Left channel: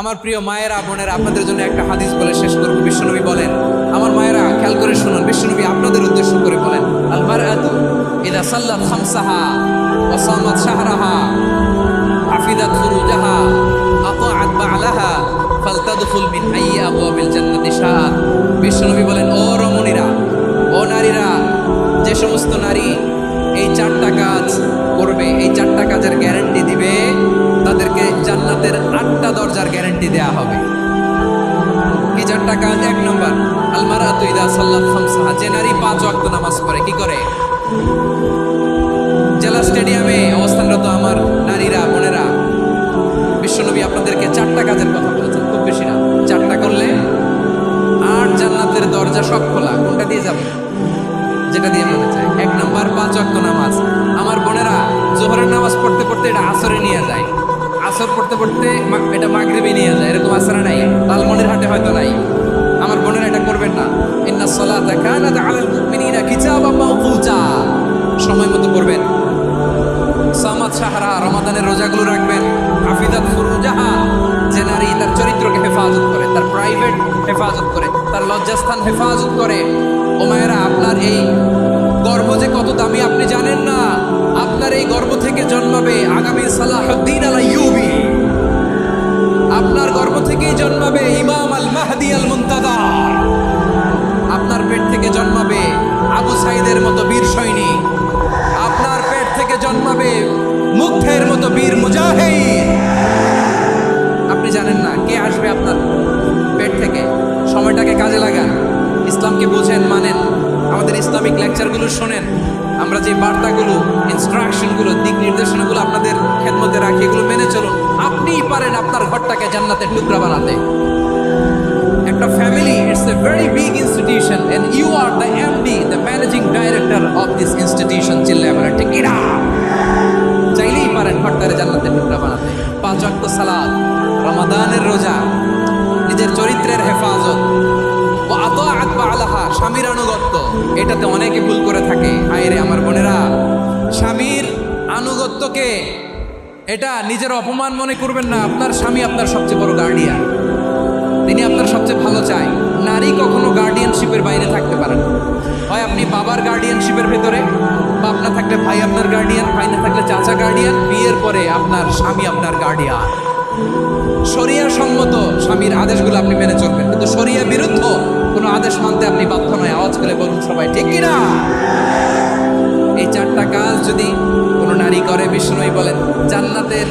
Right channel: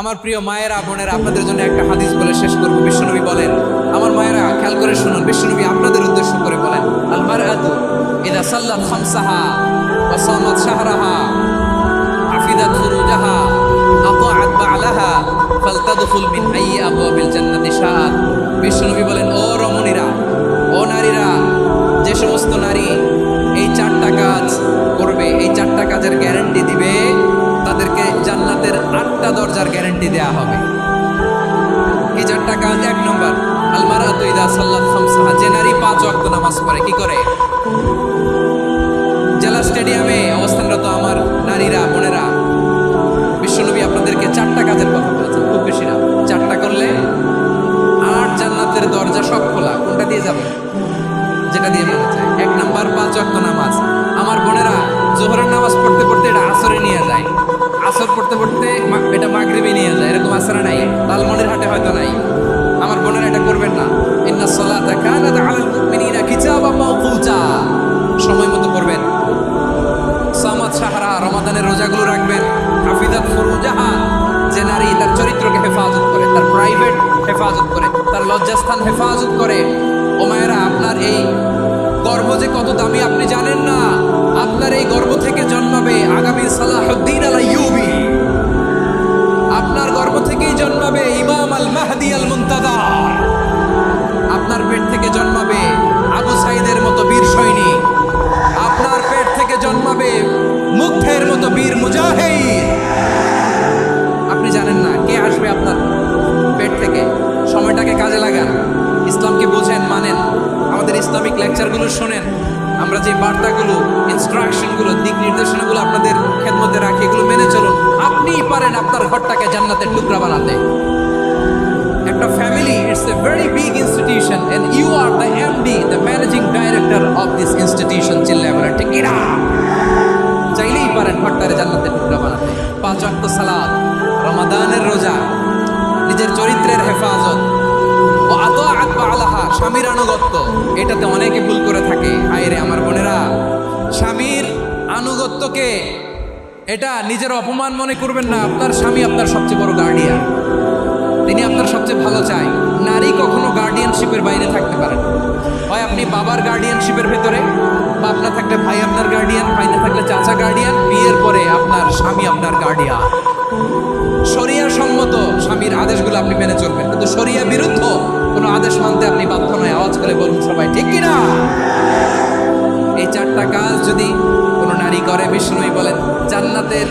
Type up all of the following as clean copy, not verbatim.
আমার প্রিয় মায়েরা বোনেরা, আপনাদের জন্য একটা হাদিস বলে শেষ করব। বিশ্বনবী বলেন, আমার মায়েরা খেয়াল করে শুনুন, বিশ্বনবী আপনাদের উদ্দেশ্য করে বলেন, আল মারআতু ইযা সাল্লাত খামসাহা ওয়া সামাত শাহরাহা হাফিজাত ফুরুজাহা আতাআত বা'লাহা ফালতাদখুল মিন আইয়ি আবওয়াবিল জান্নাতি শাআত। বিশ্বনবী বলেন, ও রমণীরা, ও নারীরা, যে সমস্ত নারী এই চারটা কাজ করবে, এই চারটা কাজের গ্যারান্টি দিবে, তাদেরকে জান্নাতের 8টা দরজার গ্যারান্টি দেয়া হবে। কি চারটা কাজ? 1 নম্বর, আল মারআতু ইযা সাল্লাত খামসাহা, যে নারী 5 ওয়াক্ত নামাজ পড়ে। কি করে? জেলা স্টেডিয়ামে অবস্থানরত আমার নারীরা বোনেরা, বিশ্বনবী আপনাদেরকে 4টা কাজের কথা বলেছেন, খুব বেশি না, 4টা করলে 8 জান্নাতের দরজা সব খোলা। কোনটা দিয়ে যাবে? যেটা দিয়ে মনে চায়। 1 নম্বর 5 ওয়াক্ত নামাজ। আমার বোনেরা জোহরের নামাজ পড়তে পড়তে এটা আসরে নিয়ে যায়, আসর পড়তে পড়তে এটা মাগরিবে নিয়ে যায়, এরকম আসরে নাই, লালমনিরহাটে হয়তো নাই। আমার বোনেরা এটা করবেন না। ইন্নাস সালাতা কানাত আলাল মুমিনিনা কিতাবাম মাওকুতা, সময় মতো করবেন। সামাত শাহরা, রমাদানের রোজাগুলো রাখবেন। হাফিজাত ফুরুজাহা, যে নারী তার চরিত্রকে হেফাজত করে, তার প্রাইভেট হেফাজত করে, তার লজ্জাস্থান হেফাজত করে। ও মায়েরা, আপনার এই গর্ভ যে কত দামি আপনি জানেন না। আপনার এই গর্ভ থেকে জন্মাবে আগামী সালাহুদ্দিন আল আইয়ুবী। আপনার গর্ভ থেকেই জন্মাবে ইমাম আল মাহদি আল মুনতাজার। আপনার পেট থেকে জন্মাবে আবু সাইদের মতো বীর সৈনিক। আপনার পেট থেকে জন্মাবে মুগ্ধের মতো বীর মুজাহিদ। আপনি জানেন না কে আসবে আপনার পেট থেকে। সময়টাকে কাজে লাগান, ইসলামকে বোঝেন, মানেন, আমাদের ইসলামিক লেকচারগুলো শোনেন। আমরা যে বার্তাগুলো, ইনস্ট্রাকশনগুলো, দিক নির্দেশনাগুলো আপনাদের খেদমতে রাখি, এগুলো মেনে চলুন। আপনিই পারেন আপনার ঘরটাকে জান্নাতের টুকরা বানাতে। একটা family, it's a very big institution and you are the MD, the managing director of this institution. চিল্লায় বলেন ঠিক কিনা? চাইলেই পারেন ঘরটারে জান্নাতের টুকরা বানাতে। 5 ওয়াক্ত সালাত, রমাদানের রোজা, নিজের চরিত্রের হেফাজত, ও আতাআত বা'লাহা, স্বামীর আনুগত্য। এটাতে অনেকে ভুল করে থাকে। হায়রে আমার বোনেরা, স্বামীর আনুগত্যকে এটা নিজের অপমান মনে করবেন না। আপনার স্বামী আপনার সবচেয়ে বড় গার্ডিয়ান, তিনি আপনার সবচেয়ে ভালো চায়। নারী কখনো গার্ডিয়ানশিপের বাইরে থাকতে পারেন। হয় আপনি বাবার গার্ডিয়ানশিপের ভেতরে, বা আপনার থাকলে ভাই আপনার গার্ডিয়ান, ভাই না থাকলে চাচা গার্ডিয়ান, বিয়ের পরে আপনার স্বামী আপনার গার্ডিয়ান। শরিয়া সম্মত স্বামীর আদেশগুলো আপনি মেনে চলবেন, কিন্তু শরিয়া বিরুদ্ধ কোনো আদেশ মানতে আপনি বাধ্য নয়। আওয়াজ করে বলুন সবাই ঠিক কিনা? এই 4টা কাজ যদি কোনো নারী করে, বিষ্ণুই বলেন জান্নাতের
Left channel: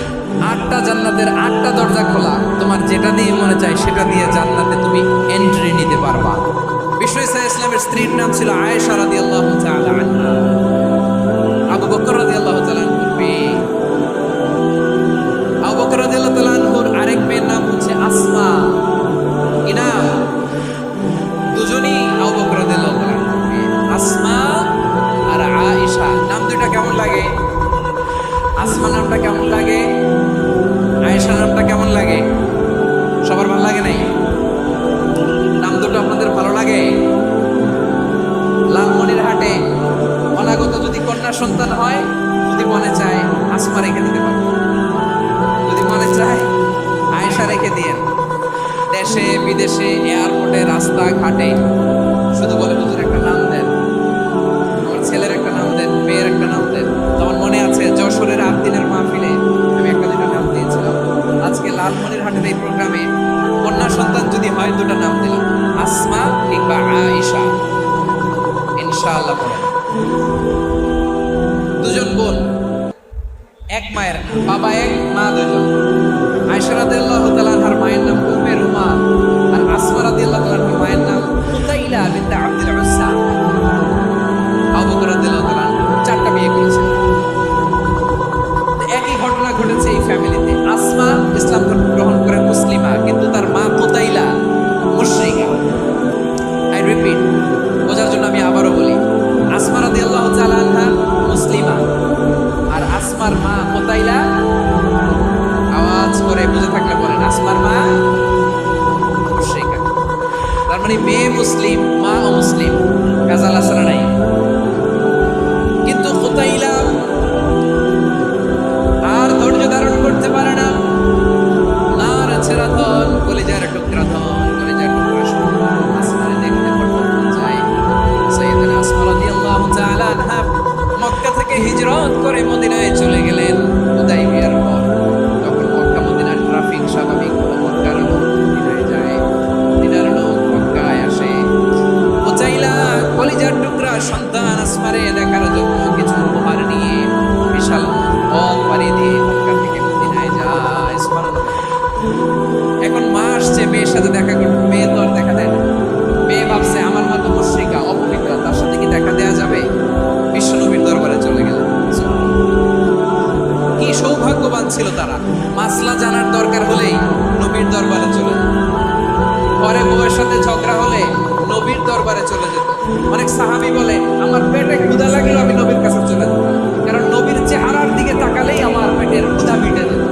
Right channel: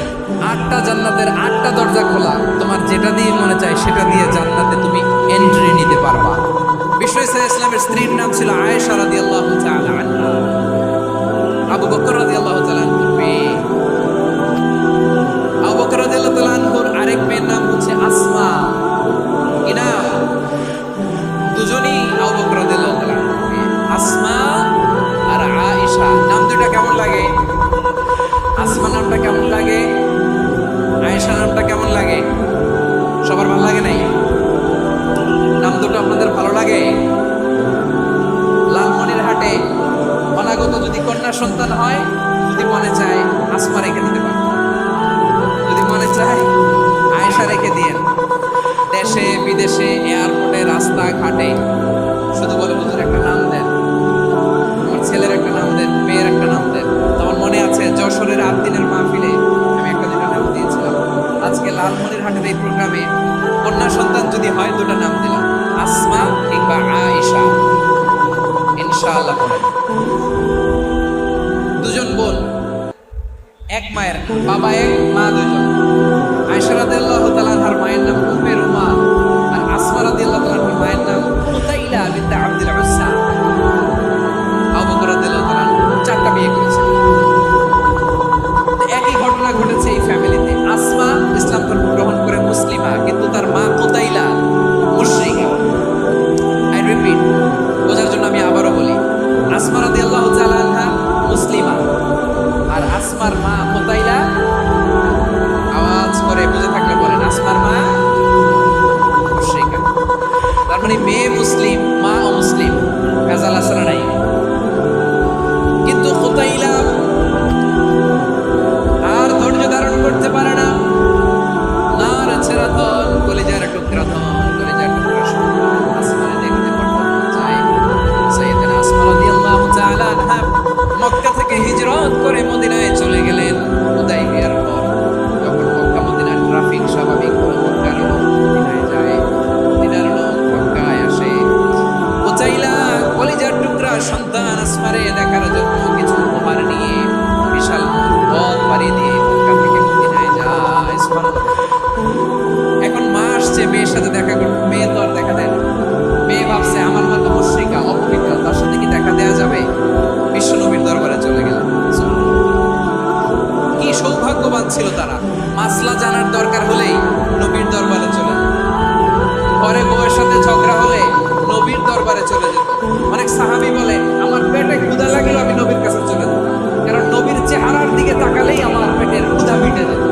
8টা দরজা খোলা। তোমার যেটা দিয়ে মনে চায় সেটা দিয়ে জান্নাতে তুমি এন্ট্রি নিতে পারবা। বিষ্ণু ইসলামের স্ত্রীর নাম ছিল আয়েশা রাদিয়াল্লাহু তাআলা আনহা। আবু বকর রাদিয়াল্লাহু তাআলা আনহুর মেয়ে। আবু বকর রাদিয়াল্লাহু তাআলা আনহুর আরেক মেয়ের নাম হচ্ছে আসমা। কি নাম? দুজনই আবু বকর রাদিয়াল্লাহু তাআলা আনহুর মেয়ে, আসমা আর আয়েশা। নাম দুটা কেমন লাগে? আসমা নামটা কেমন লাগে? আয়েশা নামটা কেমন লাগে? সবার ভালো লাগে নাই? নাম দুটো আপনাদের ভালো লাগে? লালমনিরহাটে অনাগত যদি কন্যা সন্তান হয়, যদি মনে চায় আসমা রেখে দিতে পারেন, যদি মনে চায় আয়েশা রেখে দিয়েন। দেশে বিদেশে, এয়ারপোর্টে, রাস্তাঘাটে শুধু বলে হুজুর একটা নাম দেন, আমার ছেলের একটা নাম দেন, মেয়ের একটা নাম দেন। আমার মনে আছে যশোরের 8 দিনের মাহফিলে আমি একটা দুটা নাম দিয়েছিলাম। আজকে লালমনিরহাটের এই প্রোগ্রামে কন্যা সন্তান যদি হয় 2টা নাম দিলাম, আসমা কিংবা আয়েশা। ইনশাআল্লাহ পড়েন। 2জন বোন, এক মায়ের, বাবা এক, মা 2জন। আয়েশা রাদিয়াল্লাহু তাআলা আনহার মায়ের নাম উম্মে রুমা, আর আসমা রাদিয়াল্লাহু তাআলা আনহার মায়ের নাম কুতাইলা বিনতে আব্দুল উজ্জা। আবু বকর রাদিয়াল্লাহু তাআলা 4টা বিয়ে করেছেন। একই ঘটনা ঘটেছে এই ফ্যামিলিতে। আসমা ইসলাম ধর্ম গ্রহণ করে মুসলিমা, কিন্তু তার মা কুতাইলা মুশরিকা। আই রিপিট, বোঝার জন্য আমি আবারও বলি, আসমা রাদিয়াল্লাহু তাআলা আনহা মুসলিমা, আর আসমার মা কুতাইলা। আওয়াজ করে বুঝে থাকলে বলেন, আসমার মা মুশরিকা। তার মানে মেয়ে মুসলিম, মা অমুসলিম। ভেজাল আছে না নাই? কিন্তু কুতাইলা আর ধৈর্য ধারণ করতে পারে না, নার ছেড়ে টুকরা ধন, কলিজার টুকরা ধন, কলিজার টুকরা সন্তান আসমানে দেখতে পড়তে যায়। সাইয়েদনা আসমা রাদিয়াল্লাহু তাআলা আনহা মক্কা থেকে হিজরত করে মদিনায় চলে গেলেন হুদাইবিয়ার পর। যখন মক্কা মদিনার ট্রাফিক স্বাভাবিক হলো, মক্কার লোক মদিনায় যায়, মদিনার লোক মক্কায় আসে। উচাইলা কলিজার টুকরা সন্তান আসমারে দেখার জন্য কিছু উপহার নিয়ে বিশাল পথ পাড়ি দিয়ে মক্কা থেকে মদিনায় যায়। সুবহানাল্লাহ। এখন মা আসছে মেয়ের সাথে দেখা করতে, মেয়ে তো আর দেখা দেয় না। মেয়ে ভাবছে আমার মতো মুশরিকা অপবিত্রা, তার সাথে কি দেখা দেয়া যাবে? বিশ্বনবীর দরবারে চলে গেল। কি সৌভাগ্যবান ছিল তারা, মাসলা জানার দরকার হলেই নবীর দরবারে চলে যেত। পরে বউয়ের সাথে ঝগড়া হলে নবীর দরবারে চলে যেত। অনেক সাহাবী বলে আমার পেটে ক্ষুধা লাগলেও আমি নবীর কাছে চলে যেতাম, কারণ নবীর চেহারার দিকে তাকালেই আমার পেটের ক্ষুধা মিটে যেত।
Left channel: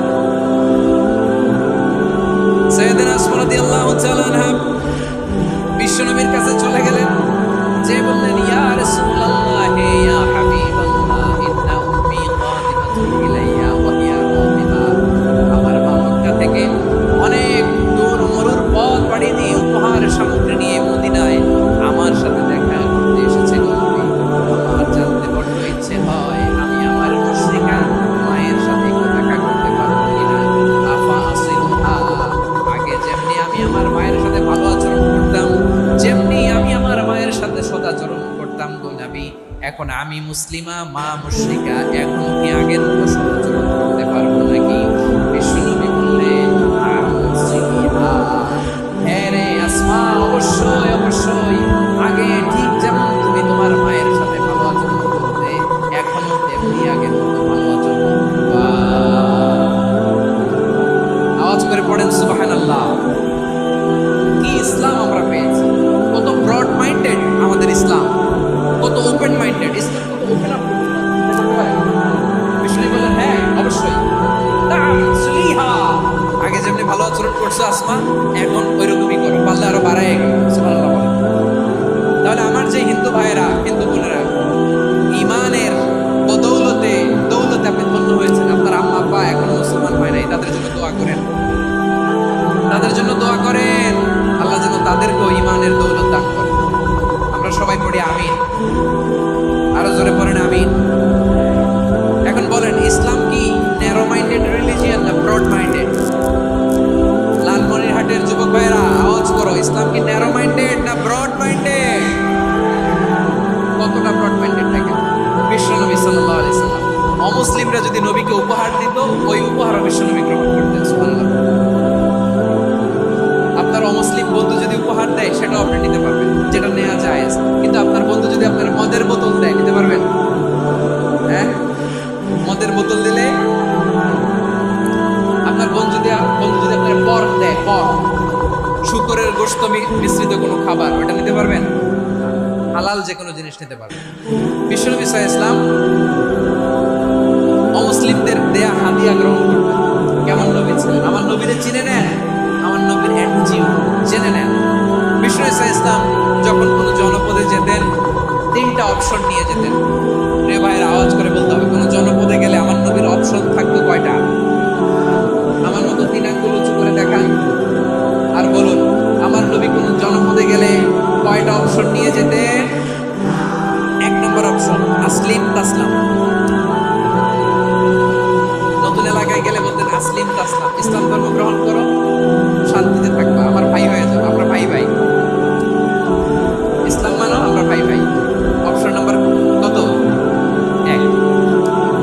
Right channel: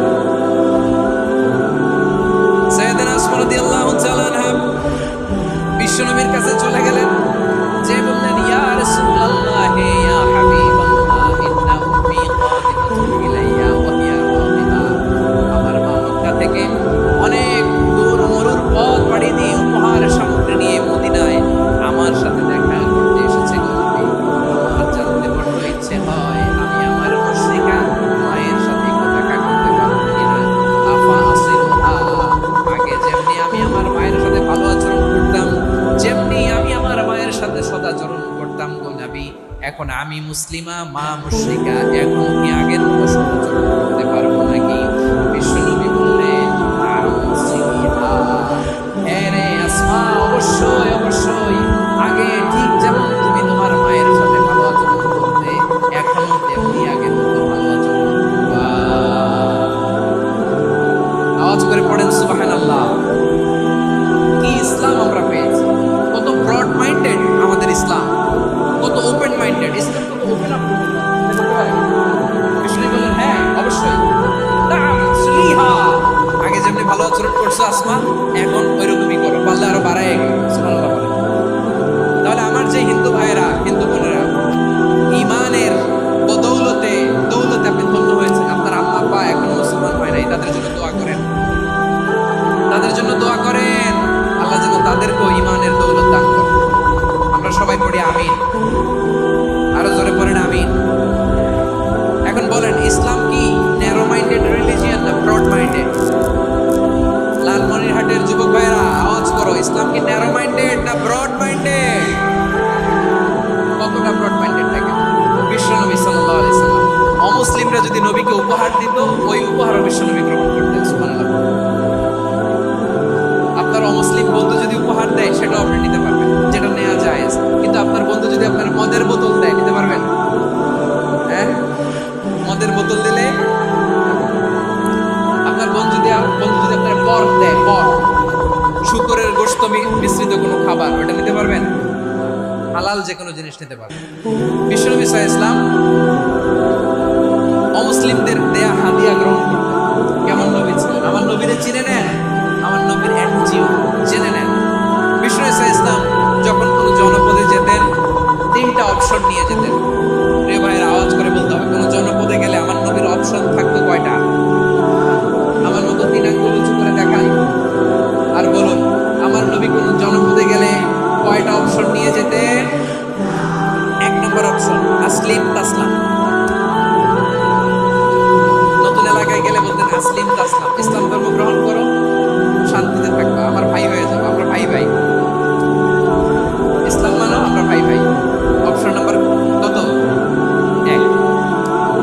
সাইয়েদনা আসমা রাদিয়াল্লাহু তাআলা আনহা বিশ্বনবীর কাছে চলে গেলেন, যে বললেন ইয়া রাসূলুল্লাহ ইয়া হাবিবাল্লাহ ইন্না উম্মি কাদিমাতুন ইলাইয়া ওয়া হিয়া রাদিবা। আমার মা মক্কা থেকে অনেক দূর মরুর পথ পাড়ি দিয়ে উপহার সামগ্রী নিয়ে মদিনায় আমার সাথে দেখা করতে এসেছে। নবী, আমার জানতে বড্ড ইচ্ছে হয় আমি আমার মুশরিকা মায়ের সাথে একটু দেখা করতে পারবো কিনা। আফা আসিলুহা, আগে যেমনি আমি আমার মায়ের সাথে ভালো আচরণ করতাম, যেমনি আমি আমার মায়ের সাথে সদাচরণ করতাম গো নবী, এখন আমি মুসলিমা মা মুশরিকা, এখন কি আগের মতো সদাচরণ করতে পারবো নাকি? বিশ্বনবী বললেন হ্যাঁ রে আসমা, অবশ্যই অবশ্যই, আগে ঠিক যেমন তুমি তোমার মায়ের সাথে ভালো আচরণ করতে, এখনো তেমনি আগের মতো ভালো আচরণ করবা। আওয়াজ করে পড়েন সুবহানাল্লাহ। কি ইসলাম আমরা পেয়েছি! কত ব্রড মাইন্ডেড আমাদের ইসলাম, কত ওপেন মাইন্ডেড ইসলাম, কত ওপেন আপ করতে পারে। বিষ্ণু বলেন হ্যাঁ অবশ্যই, নাম সুলিহা, আগে যেমনি ভালো আচরণ করছো আসমা, এখন ওইরকমই করো, পারলে আরো বাড়ায়। সুবহানাল্লাহ বলেন। তাহলে আমার যে হিন্দু ভাইয়েরা, হিন্দু বোনেরা, ইমানের বদৌলতে দৌলতে আপনি ধন্য হয়েছেন, আপনার আম্মা আব্বা এখন মুসলমান হয় নাই, তাদের জন্য দোয়া করেন, তাদের জন্য দোয়া করেন, আল্লাহ যেন তাদেরকেও ইমানের দৌলত দান করেন। আমরা সবাই পড়ি আমিন, আরো জোরে পড়েন আমিন। এখন বলেন ইসলাম কি ন্যারো মাইন্ডেড রিলিজিয়ান না ব্রড মাইন্ডেড? লালমনিরহাটের যুবক ভাইরা আওয়াজ করো, ইসলাম কি ন্যারো মাইন্ডেড না ব্রড মাইন্ডেড? কতটা ব্রড মাইন্ডেড থাকে বিশ্বনবী সাল্লাল্লাহু আলাইহি সাল্লাম। অমুসলিমরা যদি নবীকে উপহার দিত, ওই উপহারও বিশ্বনবী গ্রহণ করতেন। সুবহানাল্লাহ। আপনার অমুসলিম বন্ধু যদি উপহার দেয় সেটাও আপনি নিতে পারবেন, যেটা নেওয়া যায়। কিন্তু আপনার বন্ধু যদি আপনার মদের বোতল দেয়, নিতে পারবেন? হ্যাঁ, মদের বোতল দিলে আপনার বন্ধু যদি আপনার পর্ক দেয়, পর্ক শুকরের গোশত মিশ্রিত কোনো খাবার, ওটা নিতে পারবেন? হালাল যে কোনো জিনিস নিতে পারবেন। বিশ্বনবী সাল্লাল্লাহু আলাইহি ওয়াসাল্লাম অমুসলিমদের দেয়া হাদিয়া গ্রহণ করতেন। কেমন নবী ছিলেন! আমার নবীরে চিনে নেন, আমার নবীর এনজিও জেনে নেন। বিশ্বনবী সাল্লাল্লাহু আলাইহি ওয়াসাল্লাম যখন কোনো জনপদে যেতেন, তিনটা অপশন নিয়ে যেতেন। রে ভাইয়ের আওয়াজ করে বলতে হবে, কোনো জনপদে গেলে আমার নবীর অপশন থাকতো কয়টা? আমার মতো তিন আঙ্গুল উঁচু করে দেখান আর বলুন, আমার নবী কোন জনপদে গেলে কয়টা অপশন নিয়ে যেতেন? এক নম্বর অপশন আসলিম তাসলাম। নতুন এলাকায় গেলে বলতেন আসলিম তাসলাম, ইসলাম ধর্ম গ্রহণ করো, শান্তিতে থাকবা, আমার ভাই হয়ে যাবো, আমরা ভাই ভাই, ইসলাম মানো, আমরা ভাই ভাই। অপশন নাম্বার কত? এক।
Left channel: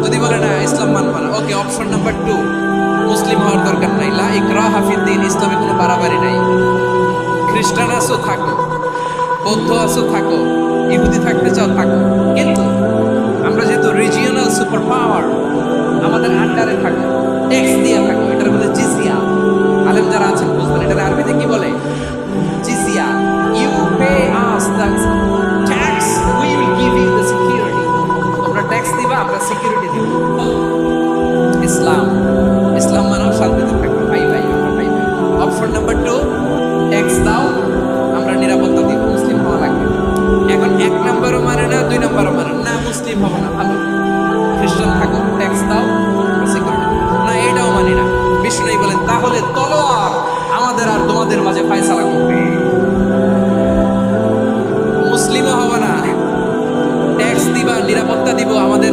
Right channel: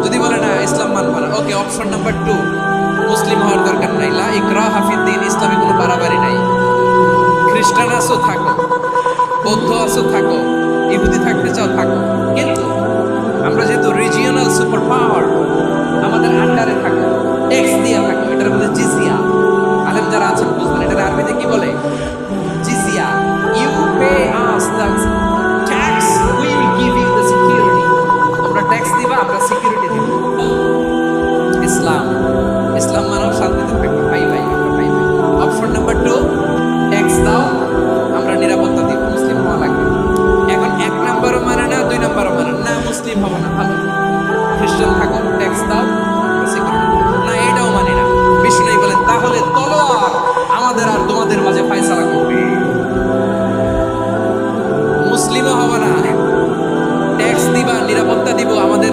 যদি বলে না ইসলাম মানবা না, ওকে, অপশন নাম্বার 2, মুসলিম হওয়ার দরকার নাই, লা ইকরাহা ফিদ্দিন, ইসলামে কোনো বাড়াবাড়ি নাই। খ্রিস্টান আছো থাকো, বৌদ্ধ আছো থাকো, ইহুদি থাকতে চাও থাকো, কিন্তু আমরা যেহেতু রিজিওনাল সুপার পাওয়ার, আমাদের আন্ডারে থাকো, ট্যাক্স দিয়া থাকো, এটার বলে জিজিয়া। আলেম যারা আছেন বুঝবেন এটার আরবিতে কি বলে, জিজিয়া। You pay us the tax, we will give you the security. তোমরা ট্যাক্স দিবা, আমরা সিকিউরিটি দিব। ইসলাম, ইসলাম মানব শান্তিতে থাকবে, ভাই ভাই, আমরা ভাই ভাই। অপশন নাম্বার 2, ট্যাক্স দাও, আমরা নিরাপত্তা দিব, মুসলিম হওয়া লাগবে। এখন 1 নাম্বারও মানে না, 2 নাম্বারও মানে না, মুসলিম হবো না, ভালো, খ্রিস্টান থাকো, ট্যাক্স দাও, আমরা সিকিউরিটি না, এটাও মানি না। বিষ্ণু বলেন তাহলে তলোয়ার, আমাদের আর তোমাদের মাঝে ফায়সালা করবে। মুসলিমও হবে না, ট্যাক্স দিবা, নিরাপত্তা দিব, আমাদের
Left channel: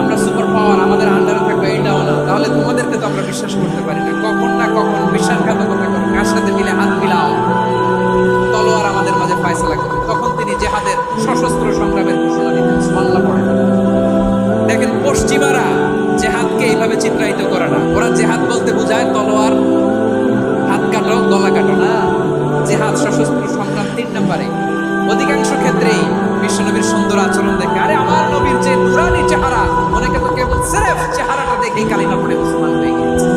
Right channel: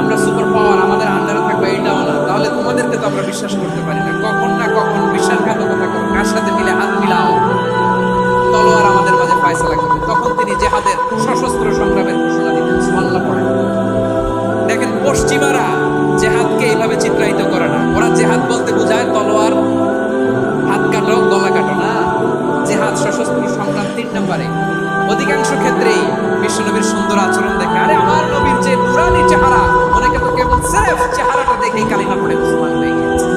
আমরা সুপার পাওয়ার, আমাদের আন্ডারে থাকবে, এটাও না। তাহলে তোমাদেরকে তো আমরা বিশ্বাস করতে পারি না। কখন না কখন বিশ্বাসঘাতকতা করো, কার সাথে মিলে হাত মিলাও, তলোয়ার আমাদের মাঝে ফায়সালা করবে। তখন তিনি জেহাদের সশস্ত্র সংগ্রামের ঘোষণা দিতেন। সুবহানাল্লাহ পড়েন। দেখেন, পশ্চিমারা জেহাদকে এইভাবে চিত্রায়িত করে না। ওরা জেহাদ বলতে বোঝায় তলোয়ার, হাত কাটো, গলা কাটো না। জেহাদ সশস্ত্র সংগ্রাম 3 নম্বরে। অধিকাংশ ক্ষেত্রেই বিশ্বনবীর সুন্দর আচরণ দেখে, আরে আমার নবীর যে নুরানি চেহারা, অনেকে তো কেবল সির্ফ চেহারাটা দেখেই কালিমা পড়ে মুসলমান হয়ে গিয়েছে।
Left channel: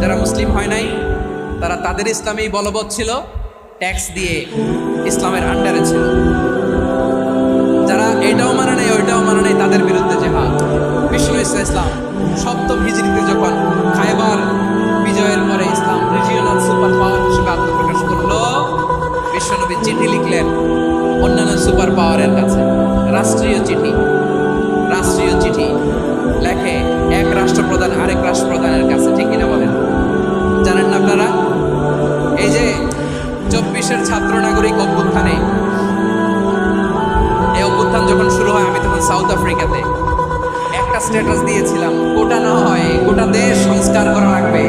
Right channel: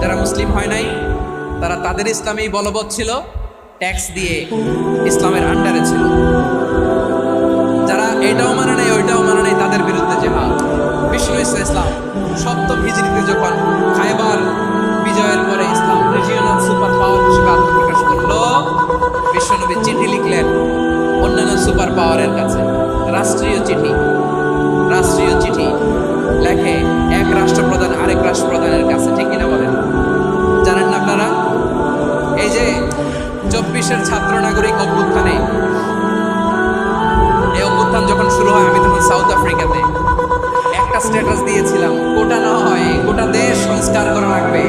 যারা মুসলিম হয় নাই তারা তাদের ইসলামেই বলবৎ ছিল, ট্যাক্স দিয়ে ইসলামের আন্ডারে ছিল। যারা এটাও মানে নাই ওইটাও মানে নাই, তাদের বিরুদ্ধে জেহাদ। বিশ্বনবী ইসলাম 7ম হিজরিতে যখন খায়বার বিজয়ের পরে ইসলাম রিজিওনাল সুপার পাওয়ার হিসেবে আত্মপ্রকাশ করলো, বিশ্বনবী চিঠি লিখলেন অন্যান্য সুপার পাওয়ারের কাছে। রাষ্ট্রীয় চিঠি লেখে এক রাষ্ট্রপ্রধান আরেক রাষ্ট্রপ্রধানের কাছে। ঠিক কিনা বলেন? জানেন না আপনারা? এই যে 24-এর ছাত্র নাগরিক অভ্যুত্থানে, এই অভ্যুত্থান যখন শুরু হয়, আমি তখন সাউথ আফ্রিকাতে একটা স্ট্যাটাস দিয়েছিলাম, গোটা না হয় গোটা দেশ সংস্কার করা লাগবে।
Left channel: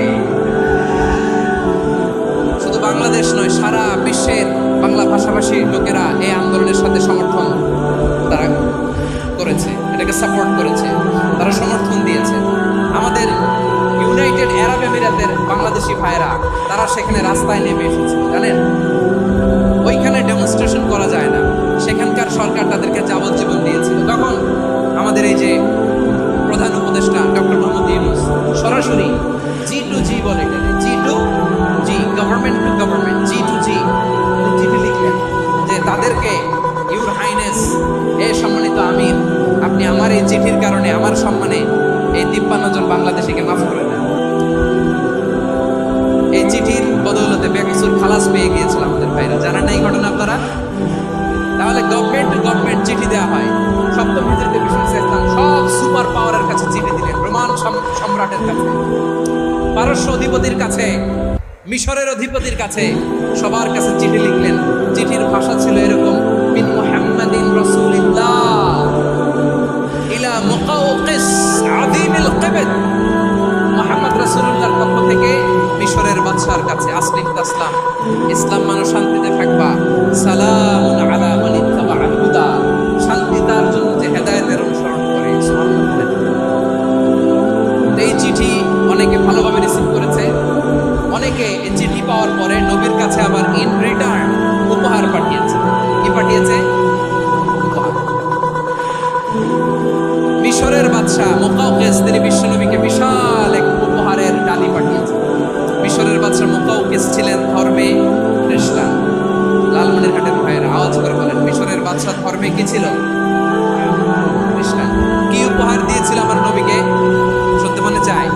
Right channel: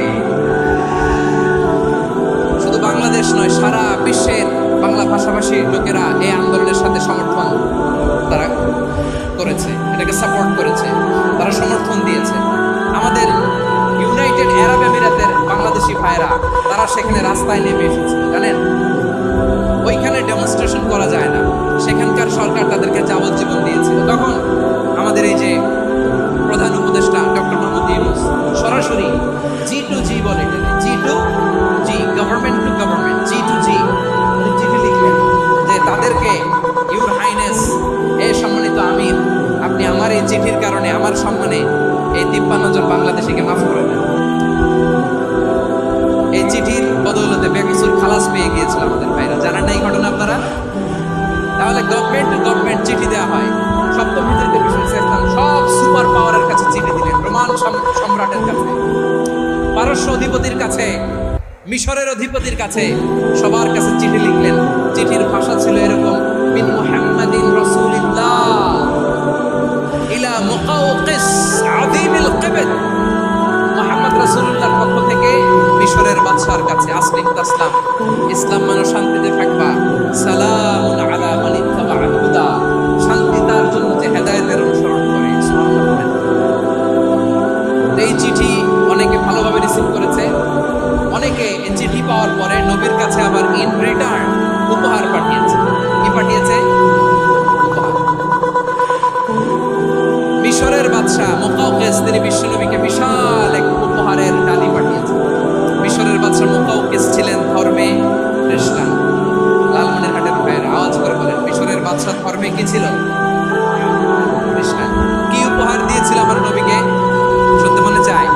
শুধু বাংলাদেশ নয়, সারা বিশ্বের বাংলা ভাষাভাষী লোকেরা এই আন্দোলনের সাথে সমর্থন তারা করেছে, এটাকে সাপোর্ট করেছে, তারা সমর্থন দিয়েছে। আমাদের ইউনাইটেড আরব আমিরাতের বাংলাদেশি ভাইরা তারা সেখানে রাস্তায় নেমে এসেছিল, জানেন? ওইখানে ডেমনস্ট্রেশন করা যায় না, সেখানকার সরকার তাদেরকে যাবজ্জীবন দিয়েছিল। তখন আমাদের এই যে প্রধান উপদেষ্টা ডক্টর মোহাম্মদ ইউনূস সরাসরি G2G বলে, G2G, government to government, G2G উনি চিঠি লিখলেন যে তাদেরকে, ইউর হাইনেস, এ সম্মানিত আমির, আপনি আমার এই চিঠির কারণে আমার সম্মানে এই 53 জন বাংলাদেশিকে মাফ করে দেন। এই চিঠির বদৌলতে বেকসুর খালাস পেয়ে গিয়েছিল আমাদের ভাইরা। জানেন না এই ঘটনা আপনারা? তাহলে গভর্নমেন্ট টু গভর্নমেন্ট চিঠি দেওয়া হয়। 7ম হিজরিতে বিশ্বনবী ইসলাম সব সুপার পাওয়ারের কাছে চিঠি দিলেন, রোমান সম্রাটের কাছে, পারস্য অধিপতির কাছে, মিশরের অধিপতির কাছে, সবার কাছে চিঠি লিখলেন। চিঠির ভাষা ছিল এরকম, মিন মুহাম্মাদিন রাসূলিল্লাহ ইলা মুকাওকিস আযীমিল কিবত। মুহাম্মদ রাসূলুল্লাহর পক্ষ থেকে মিশরের বাদশার কাছে, আসলিম তাসলাম, ইসলাম মানো শান্তিতে থাকবা, সালামুন আলা মান ইত্তাবাআল হুদা, শান্তি তার জন্য যে হেদায়েতের অনুসরণ করে। সুবহানাল্লাহ বলেন। এই চিঠি অনেকে ভালোভাবে রিসিভ করেছে, অনেকে এই চিঠি পাওয়ার পরে নবীর কাছে আবার ইন রিটার্ন উপহার পাঠিয়েছে। কি পাঠিয়েছে? উপহার। মিশরের বাদশা মুকাওকিস তিনি বিশ্বনবীকে বিশাল এক উপহারের ডালি পাঠিয়েছেন। মিশরের বাদশা মুকাওকিস ছিলেন ধর্মে খ্রিস্টান। লালমনিরহাটের ভাইয়ের আওয়াজ করে বলেন, মিশরের বাদশা ধর্মে কি ছিল? খ্রিস্টান। কি উপহার দিয়েছিল আমার নবীকে? শুনতে মনে চায়?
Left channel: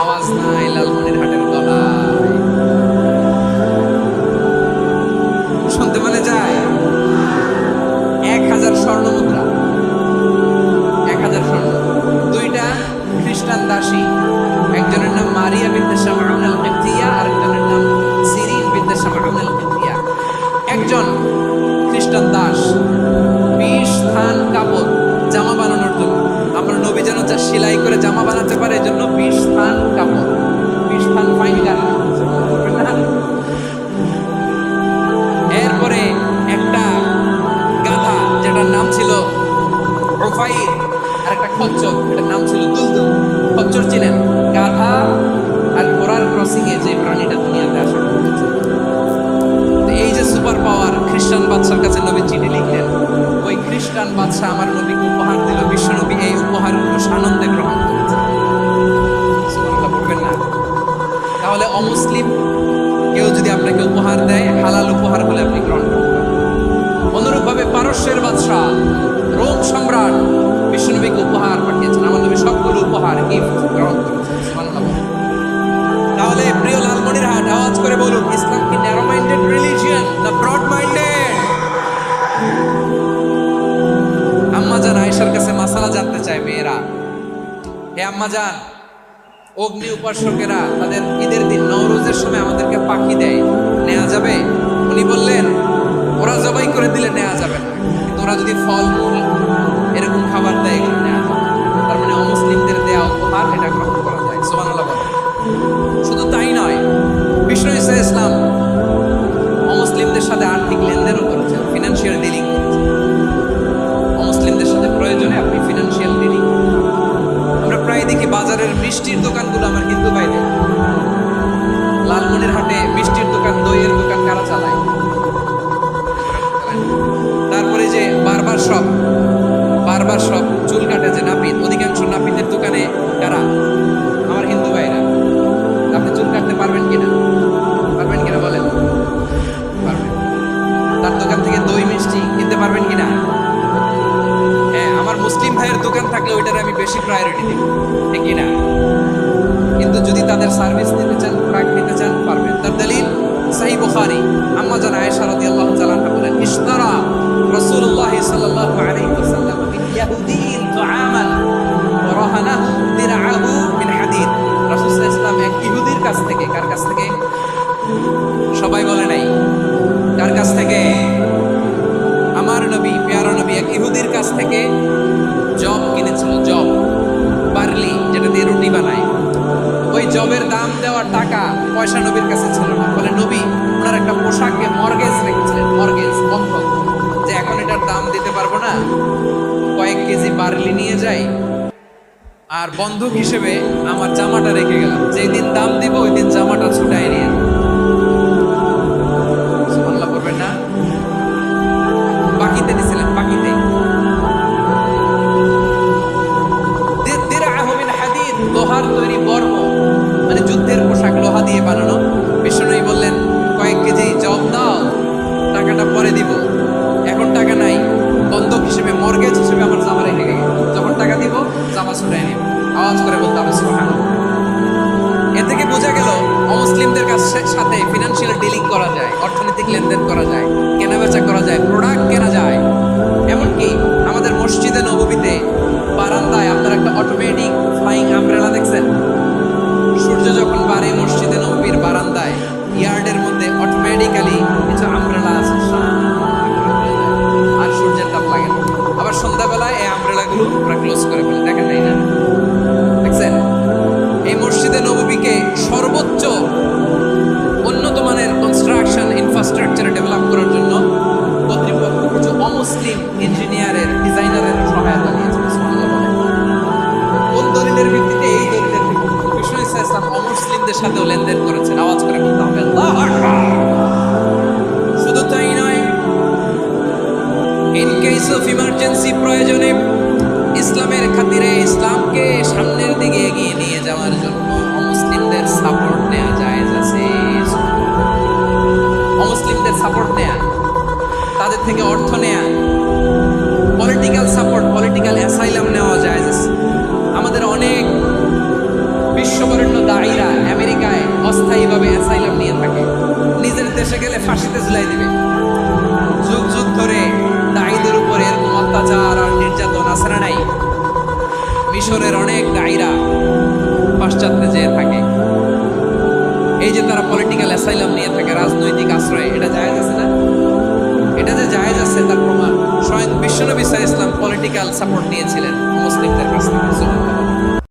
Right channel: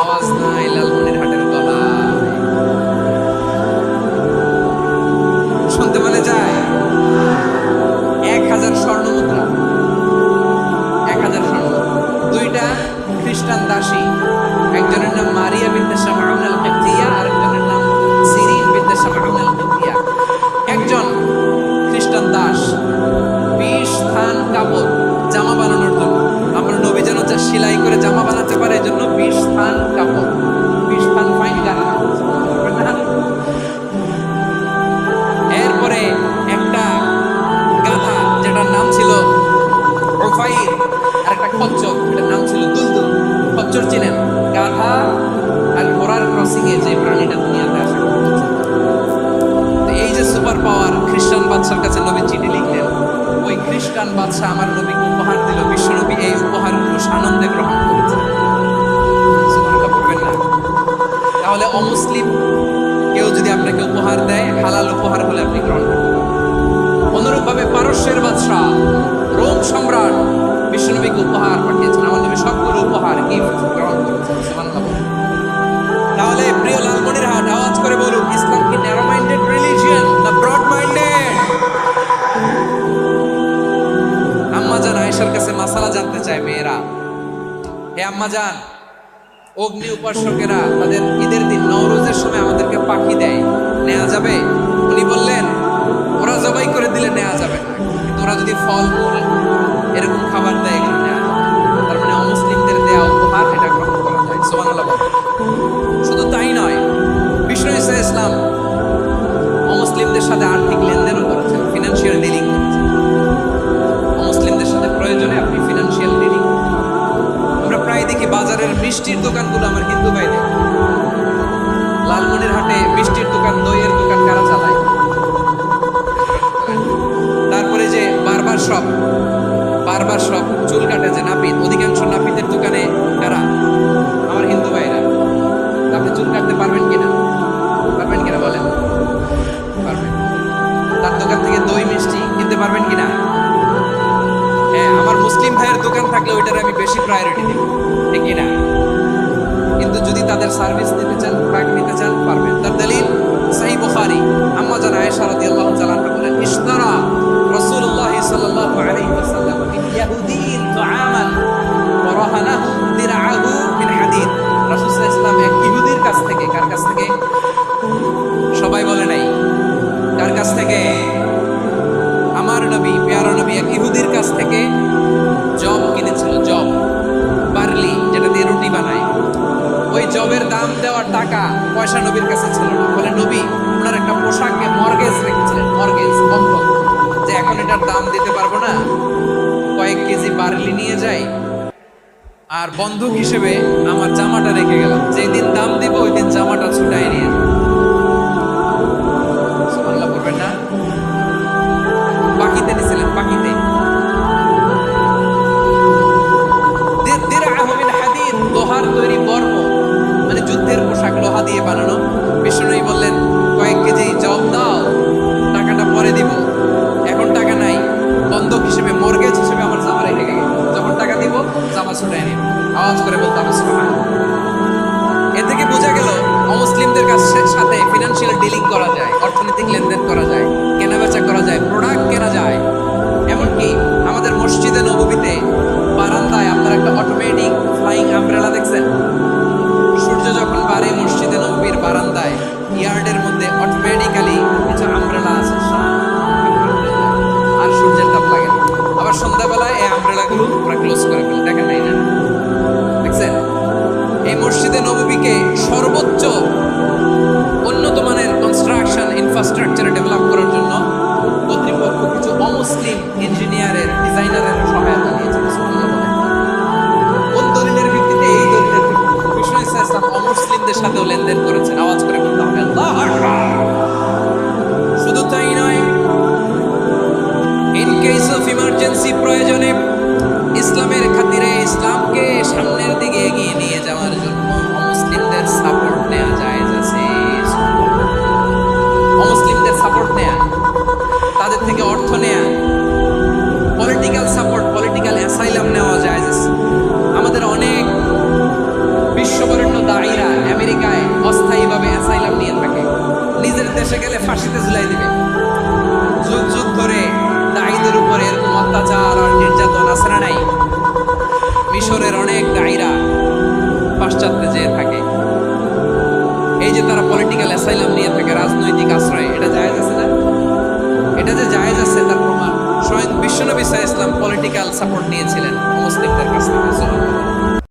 আওয়াজ নাই লালমনিরহাটের গলায়, শুনতে মনে যায়? 1000 স্বর্ণ মুদ্রা, 1000 স্বর্ণ। 2টা খ্রিস্টান দাসী, একজনের নাম মারিয়া বিনতে শামউন আল কিবতিয়া, আরেকজনের নাম সিরিন বিনতে শামউন আল কিবতিয়া। একজন খ্রিস্টান দাস 20 থান কাপড় জামা বানানোর জন্য, আমরা নবী যেন সেলাই করে জামা বানাতে পারে, এজন্য 20 থান কাপড়, 20 থান ফাইন গার্মেন্ট। এরপরে একটা গাধা যেটার নাম ছিল রুফাইর, আর একটা খচ্চর, এটার নাম ছিল দুলদুল। খচ্চর ছিলেন গাধা আর ঘোড়ার ক্রসিং এ যে প্রাণীটা দুনিয়াতে আসে। তো এই যে সুপার পাওয়ার খ্রিস্টান বাদশার কাছে নবী চিঠি লিখলেন, ওই খ্রিস্টান বাদশা আমার নবীকে উপহার দিল। বিশ্বনবী এই উপহারগুলো সানন্দে গ্রহণ করেছে। সুবহানাল্লাহ পড়বেন না? তাহলে অমুসলিম কেউ যদি আপনাকে উপহার দেয়, হালাল উপহার হলে আপনি গ্রহণ করতে পারেন। অনুরূপভাবে পারস্যের বাদশা, রোম সম্রাট বিশ্বনবীকে উপহার পাঠিয়েছেন। আমার নবী সবগুলো উপহার, গিফট গ্রহণ করেছেন। সুবহানাল্লাহ। তাহলে প্রিয় লালমনিরহাট আওয়াজ করে বলুন, ইসলাম কি ন্যারো মাইন্ডেড রিলিজিয়ন না ব্রড মাইন্ডেড? আম্মা জান আয়েশার কাছে মাসালা জানতে চায় মেয়েরা, হে আম্মা জান, অগ্নি উপাসকেরা তাদের ঈদের দিন নওরোজের সময় আমাদেরকে পাখি দেয়, নেওয়া যাবে? উনি বললেন ওরা জবাই করে দিলে নেওয়া যাবে না, কিন্তু ওরা যদি ফলমূল এরকম খাবার দেয় এগুলো নেওয়া যাবে। তার মানে অমুসলিমদের দেয়া উপহার এটা গ্রহণ করা যায়। সুবহানাল্লাহ বলেন। শুধু তাই নয়, বিষ্ণু ঈসা ইসলাম অমুসলিমদের সাথে আর্থিক লেনদেনও করেছেন, ফিনান্সিয়াল ডিলিং করেছেন। অমুসলিমদের সাথে প্রয়োজনে আপনি ফিনান্সিয়াল ডিলিং করতে পারেন। আমরা প্রায় দেখি বাজারের মিষ্টির দোকানগুলো আমার হিন্দু ভাইদের, লালমনির হাটে মিষ্টির দোকান, দইয়ের দোকান কারা চালায়? তারপরে যে বারবার শপ চুল কাটে যে নাপিত, অধিকাংশ নাপিতের দোকানে কারা? আমার হিন্দু ভাইরা। আপনি চুল কাটতে পারবেন কিনা বলেন? পারবেন। তার দোকান থেকে দই মিষ্টি কিনতে পারবেন কিনা? হ্যাঁ, আমার মুসলিম ভাইয়ের দোকান থাকলে ওইটার আমি বেশি প্রায়োরিটি দিব, ঠিক কিনা? কিন্তু যদি তাদের সার্ভিস নিতে চান, প্রোডাক্ট নিতে চান, পারবেন। তার দলিল সহিহ বুখারী, আম্মা জান আয়েশা রাদিয়াল্লাহু তাআলা আনহা বলেন, ইশতারা রাসূলুল্লাহ সাল্লাল্লাহু আলাইহি ওয়াসাল্লাম মিন ইয়াহুদিয়্যিন তুআমান ওয়া রাহানাহু দিরআহু মিন হাদিদ। রাসূল সাল্লাল্লাহু আলাইহি ওয়াসাল্লাম এক ইহুদির কাছ থেকে, কার কাছ থেকে? সবাই বলে নাই কার কাছ থেকে? আমার নবী, প্যারা নবী এক ইহুদির কাছ থেকে জব কিনেছিল, জব, বার্লি, যেটা দিয়ে রুটি বানায়। ওই জবের দাম দেওয়ার টাকা পয়সা নবীর কাছে ছিল না। বলে নবী ওনার একটা পোশাকে মর্গেজ রেখেছিলেন, মর্গেজ, বন্ধক, যে এখন এটার দাম দিতে পারবো না, কয়েক কেজি বার্লি নিয়ে যাই আর বন্ধক হিসেবে আমার জামাটা রেখে গেলাম, যেই দিন দাম দিব ওই দিন জামাটা ছুটাই নিয়ে যাবো। সুবহানাল্লাহ করবেন না? বাকিতে দিছিলেন, বাকিতে। দিরআহু মিন হাদিদ, লোহার তৈরি বর্ম, মানে যুদ্ধের পোশাক, লোহা দিয়ে বানানো। বিষ্ণু বললেন কয়েক কেজি জব দাও, টাকাটা পরে দিব, এখন টাকা নাই, বন্ধক হিসেবে, মর্গেজ হিসেবে আমার জামা রেখে গেল, যখন টাকা দিব জামা ছুটাই নিব। আওয়াজ করে বলতে হবে সুবহানাল্লাহ। এ থেকে বোঝা গেল অমুসলিমদের সাথে ফিনান্সিয়াল ডিলিং করা যায়, অর্থনৈতিক লেনদেন করা যায়, কেনাবেচা করা যায়, প্রোডাক্ট কেনা যায়। এমনকি আমাদের মসজিদে নববীতে বারান্দায় আপনার একটা অটোমেটিক ফ্লাইং আমব্রেলা দেখছেন? সূর্য যখন বাড়ে মসজিদে নববীর বারান্দায়, ইয়ার্ডের মধ্যে অটোমেটিক্যালি কিছু আমব্রেলা আছে, আর সূর্যের তাপ লাগে না। আবার সন্ধ্যাবেলায় এই আমব্রেলাগুলো ওরা ক্লোজ করে ফেলে, দেখেন নাই না? দেখছেন? এই মসজিদে নববীকে সর্বোচ্চ উন্নত মানের কনস্ট্রাকশন ইনফ্রাস্ট্রাকচার ডেভেলপ করার জন্য কর্তৃপক্ষ কিছু অমুসলিম ইঞ্জিনিয়ারের, ডিজাইনারের সহায়তা নিয়েছে। সুবহানাল্লাহ বলেন। কোন দলিলের ভিত্তিতে? এই দলিলের ভিত্তিতে বিষ্ণু ঈসা ইসলাম অমুসলিমদের সাথেও লেনদেন করেছেন। আওয়াজ করে বলতে হবে আল্লাহু আকবার। শুধু তাই নয়, ইন কেস অফ ইমার্জেন্সি, প্রয়োজনে ইসলামের খাতিরে, ইসলামকে সামনের দিকে এগিয়ে নিয়ে যাওয়ার জন্য অমুসলিমদের সাপোর্ট নেওয়া জায়েজ আছে। অমুসলিমদের সাপোর্ট নেয়া, তাদের থেকে অর্থ নেয়া, পলিটিক্যাল সাপোর্ট, পলিটিক্যাল অ্যাসাইলাম নেওয়া জায়েজ আছে। আমাদের অনেক বিশ্ববরেণ্য দায়ীরা আমেরিকায় অস্থায়ীভাবে অ্যাসাইলাম নিয়ে থাকে, নিজের দেশে গেলে ফাঁসিতে ঝুলাই দিবে। যুগ যুগ ধরে দায়ীদের উপরে এরকম অত্যাচার আর নির্যাতন আছে না নাই? মিশরের অনেক দায়ীরা পাশ্চাত্যে যেয়ে থাকে, এই যে তারা পলিটিক্যাল অ্যাসাইলাম নিয়ে থাকে, রাজনৈতিক আশ্রয়, এটা জায়েজ আছে না? এটা যে জায়েজ আছে তার প্রমাণ স্বয়ং বিশ্বনবী সাল্লাল্লাহু আলাইহি ওয়াসাল্লাম পলিটিক্যাল সাপোর্ট নিয়েছিলেন মুসলিমদের কাছ থেকে। সুবহানাল্লাহ।